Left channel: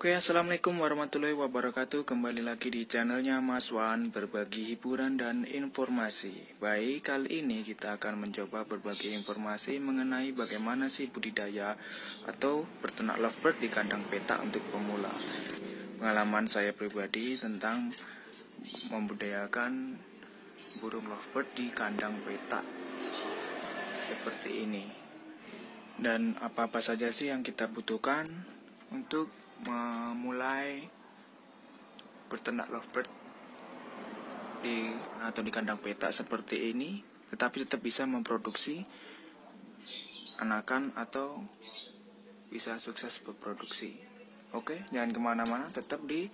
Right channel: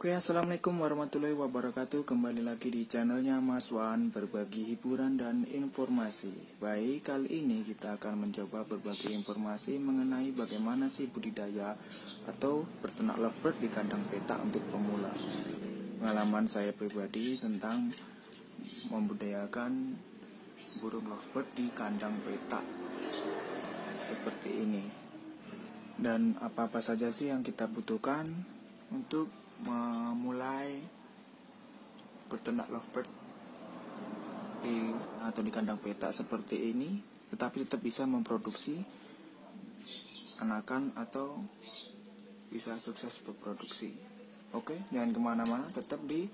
Oke, assalamualaikum warahmatullahi wabarakatuh. Kembali lagi di channelnya Mas Wan, berbagi hiburan dan informasi. Baik, kali ini kita akan mencoba berbagi informasi mengenai bagaimana sih budidaya atau berternak lovebird di kandang petak untuk pemula. Pengalaman saya pribadi tentang membudidayakan burung lovebird di kandang petak seperti ini. Dan apa-apa saja sih yang kita butuhkan untuk memulai berternak lovebird di kandang petak seperti ini, tetapi tetap bisa memproduksi anakan atau bisa sukses berproduksi. Oke, jangan kemana-mana, tetap di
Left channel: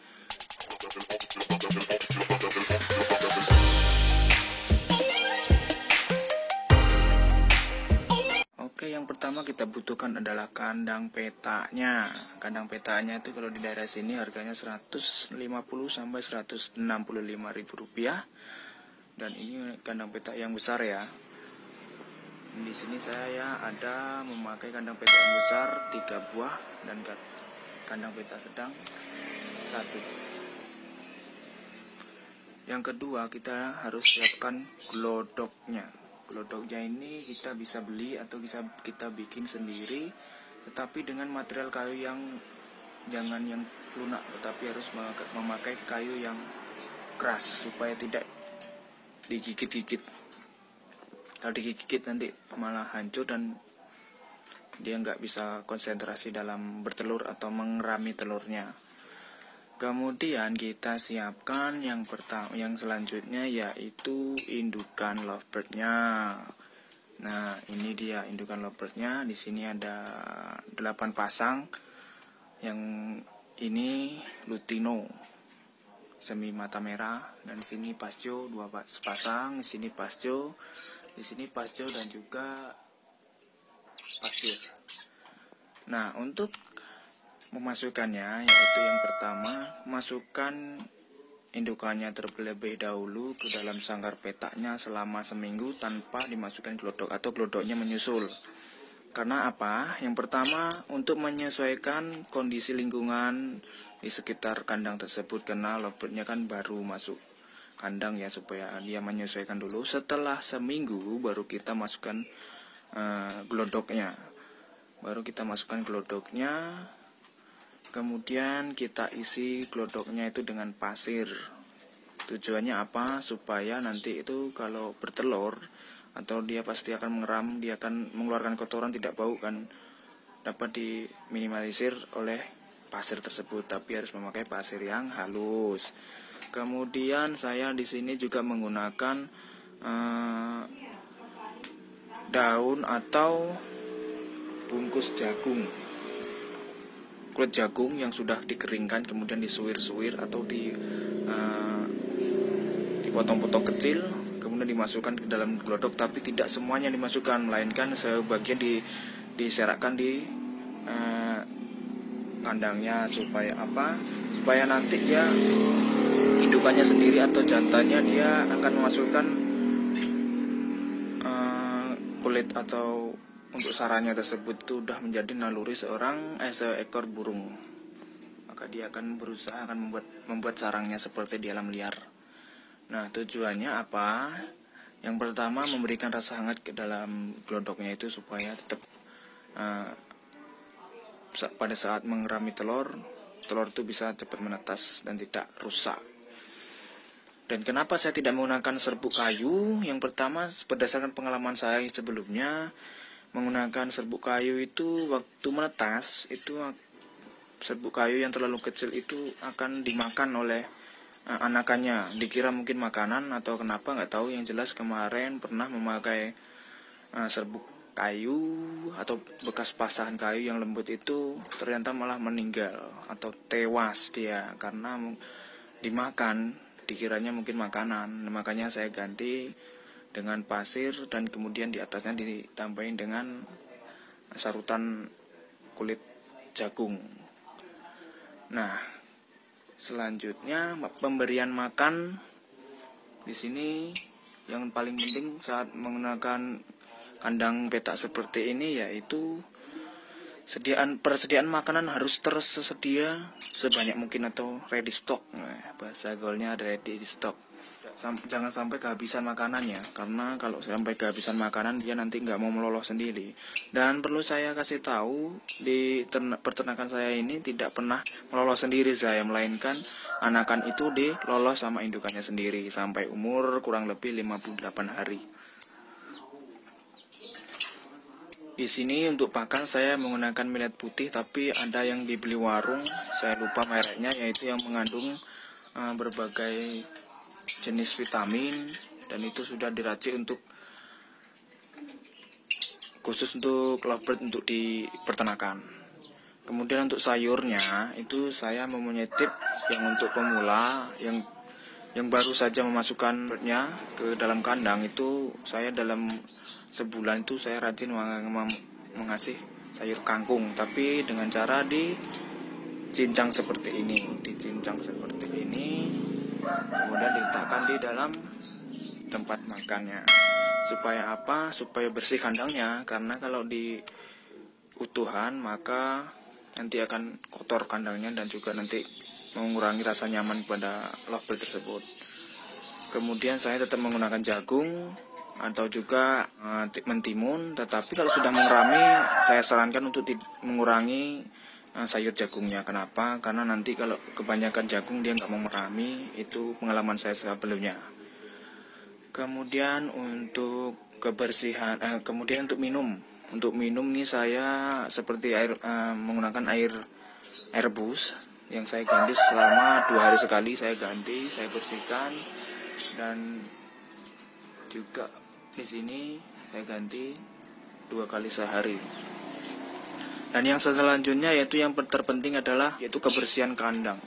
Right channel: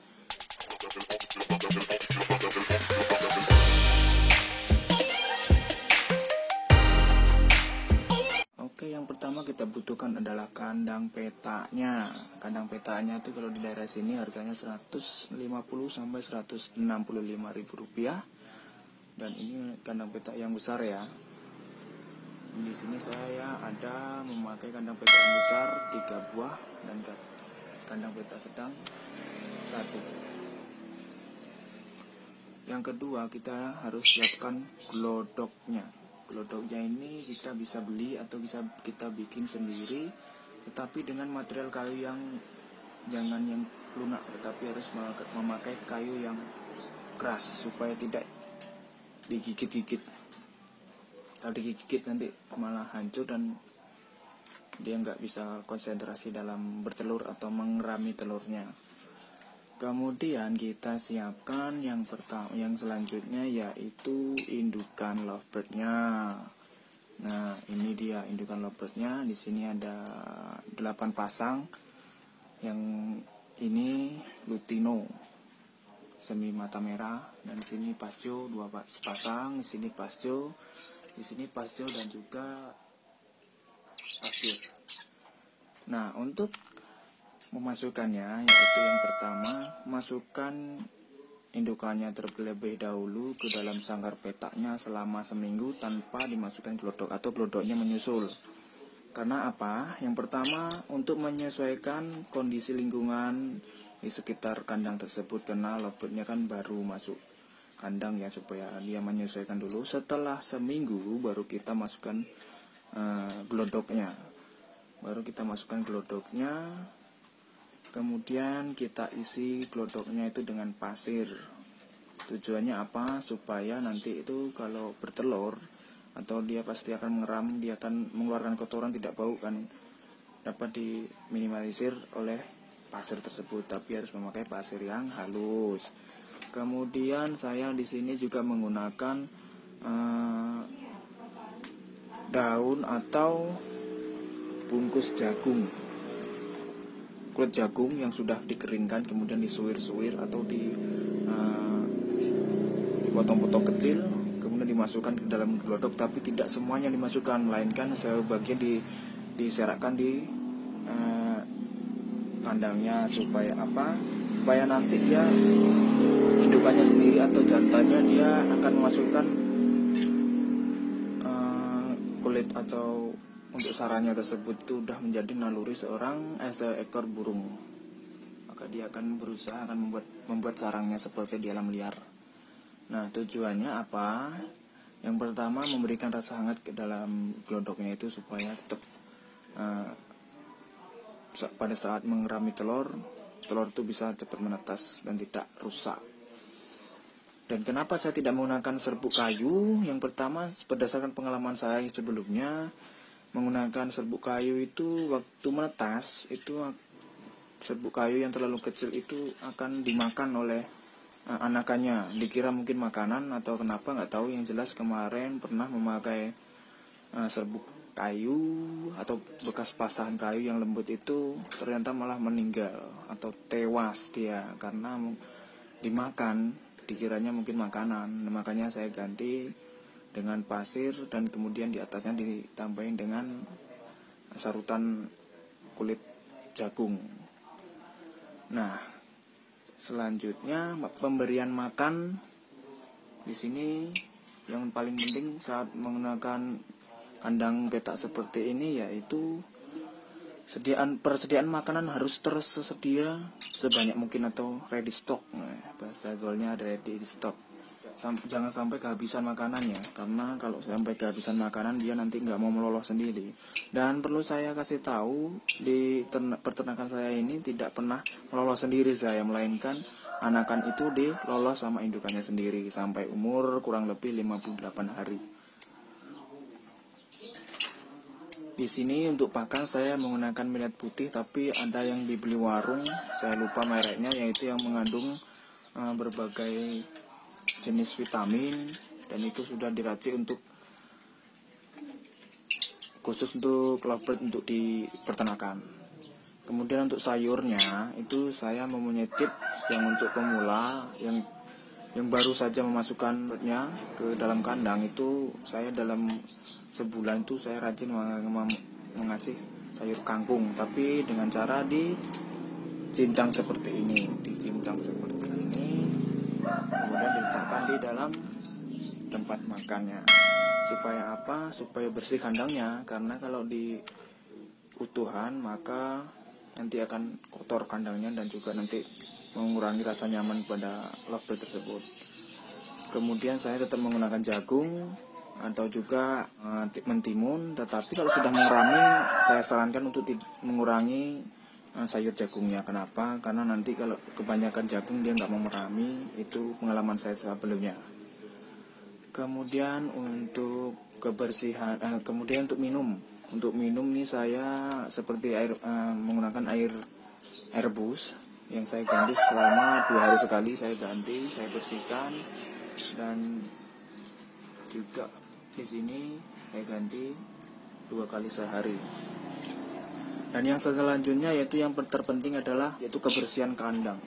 Oke, yang pertama kita butuhkan adalah kandang petaknya. Kandang petaknya itu kalau di daerah sini harganya 150 sampai 165 ribu rupiah. Dan ini kandang petak yang besar ya. Di sini saya ada memakai kandang petak yang besar 3 buah dan kandang petak sedang 1. Yang kedua, kita harus siapkan glodoknya. Glodoknya ini kita bisa beli atau bisa kita bikin sendiri, tetapi dengan material kayu yang jangan yang lunak, tetapi harus memakai kayu yang keras supaya tidak digigit-gigit. Kalau digigit nanti malah hancur dan dia nggak bisa konsentrasi dalam bertelur atau mengerami telurnya. Kemudian kita siapkan yang selanjutnya yaitu indukan lovebird-nya. Nah, ini dia indukan lovebird-nya. Di sini ada 8 pasang. Yang ini lutino semi mata merah, dan di sini pasjo 2 pasang, di sini pasjo, dan juga pasir. Nah, untuk memasukkannya yaitu yang pertama, masukkan indukannya terlebih dahulu ke dalam sangkar petaknya selama seminggu tanpa dimasukkan glodok atau glodoknya menyusul. Karena apa? Yang pertama, untuk menyesuaikan kondisi lingkungan di sekitar kandang tersebut, karena lovebird-nya kan baru masuk kandang ya, supaya dia menyesuaikan dulu. Setelah seminggu baru kita masukkan glodoknya. Kemudian kita isi glodoknya itu dengan pasir. Tujuannya apa? Supaya nanti itu kalau bertelur atau dia pasti akan mengeram, dia akan mengeluarkan kotoran, tidak bau kan, dapat diminimalisir oleh pasir tersebut, tapi harus memakai pasir yang halus. Kemudian saya di sini juga menggunakan daun atau bungkus jagung, kulit jagung yang sudah dikeringkan, kemudian disuir-suir atau dipotong-potong kecil, kemudian dimasukkan ke dalam glodok, tapi tidak semuanya dimasukkan, melainkan sebagian diserakkan di kandangnya. Supaya apa? Supaya nanti dia indukannya sendiri atau jantannya dia akan memasukkan kulit atau untuk sarangnya tersebut itu sudah menjadi naluri seekor burung. Maka dia akan berusaha membuat sarangnya seperti di alam liar. Nah, tujuannya apa? Yang pertama, memberikan rasa hangat ke dalam glodoknya itu supaya tetap pada saat mengerami telur itu bisa cepat menetas dan tidak rusak. Dan kenapa saya tidak menggunakan serbuk kayu? Yang pertama, berdasarkan pengalaman saya sebelumnya, menggunakan serbuk kayu itu waktu menetas, itu serbuk kayu yang terlalu kecil itu akan dimakan oleh anakannya. Dikira mungkin makanan atau kenapa nggak tahu. Yang jelas kemarin pernah memakai serbuk kayu atau bekas pasahan kayu yang lembut itu, ternyata malah meninggal atau tewas dia karena dimakan. Dikiranya mungkin makanan. Makanya saya ganti dengan pasir dan kemudian di atasnya ditambahin dengan sarutan kulit jagung. Nah, selanjutnya pemberian makan di sini yang paling penting saat menggunakan kandang petak seperti ini yaitu persediaan makanan harus tersedia sebanyak mungkin atau ready stock. Nah, bahasa gaulnya ready stock. Jangan sampai kehabisan makanannya, karena kalau sampai kehabisan makanan dia nanti nggak mau meloloh sendiri. Dan perlu saya kasih tahu, di peternakan saya ini tidak pernah meloloh sendiri saya, melainkan anakan itu diloloh sama indukannya sendiri sampai umur kurang lebih 58 hari. Di sini untuk pakan saya menggunakan millet putih, tapi ada yang dibeli warung, saya lupa mereknya, yaitu yang mengandung berbagai jenis vitamin, dan itu sudah diracik khusus untuk lovebird untuk di peternakan. Kemudian untuk sayurnya itu saya mempunyai tip yang untuk pemula yang baru saja memasukkan birdnya ke dalam kandang. Itu saya dalam sebulan itu saya rajin mengasih sayur kangkung, tapi dengan cara dicincang seperti ini, kemudian diletakkan di dalam tempat makannya. Supaya apa? Supaya bersih kandangnya, karena kalau di utuhan maka nanti akan kotor kandangnya dan juga nanti mengurangi rasa nyaman pada lovebird tersebut. Kemudian saya tetap menggunakan jagung atau juga mentimun, tetapi kalau sudah mengerami saya sarankan untuk mengurangi sayur jagungnya. Kenapa? Karena nanti kalau kebanyakan jagung dia nggak mau merami. Itu pengalaman saya sebelumnya. Kemudian untuk kebersihan, kemudian untuk minum. Untuk minum nih saya seperti menggunakan air rebus yang saya ganti selama 2 hari sekali. Saya ganti, saya bersihkan, dan juga di sini saya ganti 2 kali sehari. Dan yang selanjutnya yaitu yang terpenting adalah yaitu kebersihan kandang.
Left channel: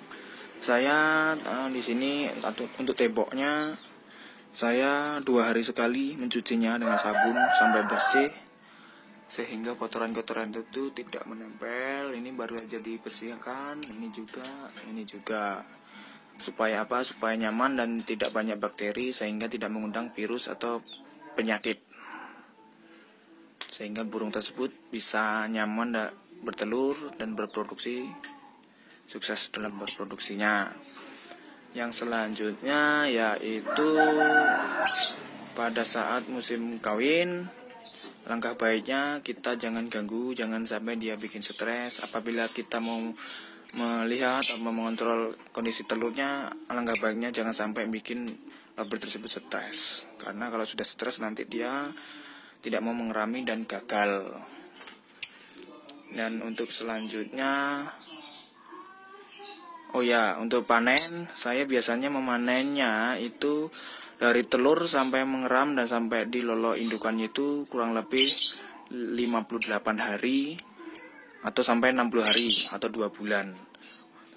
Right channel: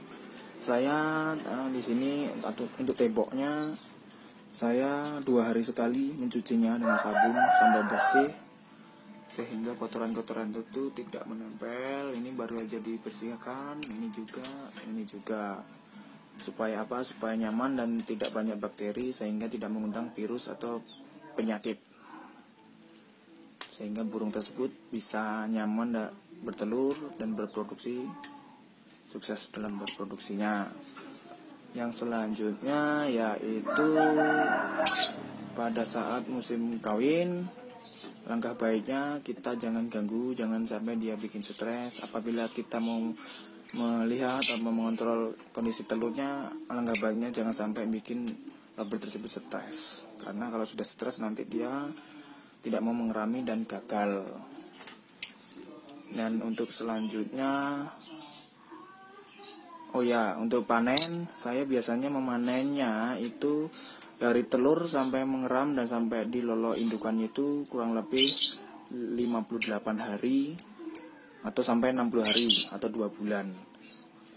Saya di sini untuk temboknya saya 2 hari sekali mencucinya dengan sabun sampai bersih, sehingga kotoran-kotoran itu tidak menempel. Ini baru saja dibersihkan, ini juga. Supaya apa? Supaya nyaman dan tidak banyak bakteri, sehingga tidak mengundang virus atau penyakit, sehingga burung tersebut bisa nyaman bertelur dan berproduksi, sukses dalam berproduksinya. Yang selanjutnya yaitu pada saat musim kawin, langkah baiknya kita jangan ganggu, jangan sampai dia bikin stres. Apabila kita mau melihat atau mengontrol kondisi telurnya, langkah baiknya jangan sampai bikin lovebird tersebut stres, karena kalau sudah stres nanti dia tidak mau mengerami dan gagal. Dan untuk selanjutnya, untuk panen, saya biasanya memanennya itu dari telur sampai mengeram dan sampai dilolo indukannya itu kurang lebih 58 hari atau sampai 60 hari atau 2 bulan.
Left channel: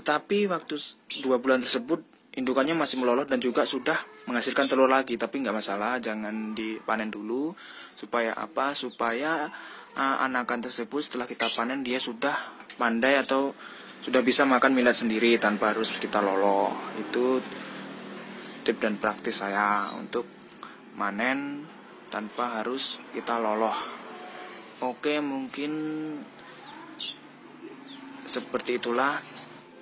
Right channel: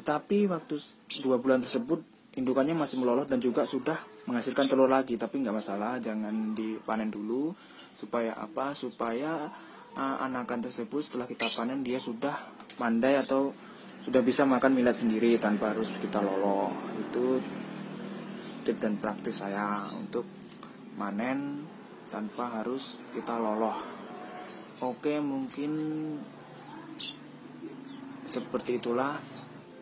Tetapi waktu 2 bulan tersebut indukannya masih melolot dan juga sudah menghasilkan telur lagi, tapi nggak masalah, jangan dipanen dulu. Supaya apa? Supaya anakan tersebut setelah kita panen dia sudah pandai atau sudah bisa makan millet sendiri tanpa harus kita loloh. Itu tip dan praktis saya untuk manen tanpa harus kita loloh. Oke, mungkin seperti itulah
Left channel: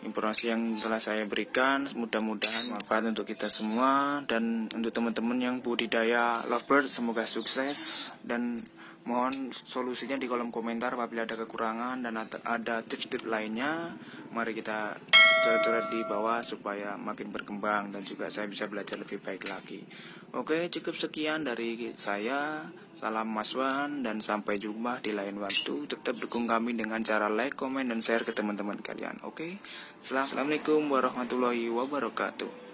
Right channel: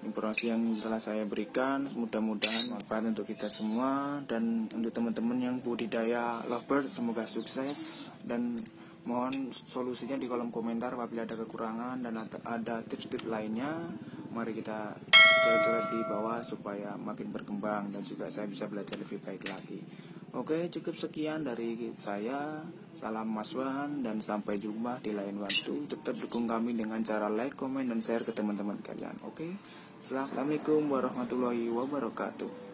informasi yang telah saya berikan. Mudah-mudahan manfaat untuk kita semua, dan untuk teman-teman yang budidaya lovebird semoga sukses, dan mohon solusinya di kolom komentar apabila ada kekurangan dan ada tips-tips lainnya. Mari kita coret-coret di bawah supaya makin berkembang dan juga saya bisa belajar lebih baik lagi. Oke, cukup sekian dari saya. Salam Mas Wan dan sampai jumpa di lain waktu. Tetap dukung kami dengan cara like, komen, dan share ke teman-teman kalian. Oke, Assalamualaikum warahmatullahi wabarakatuh.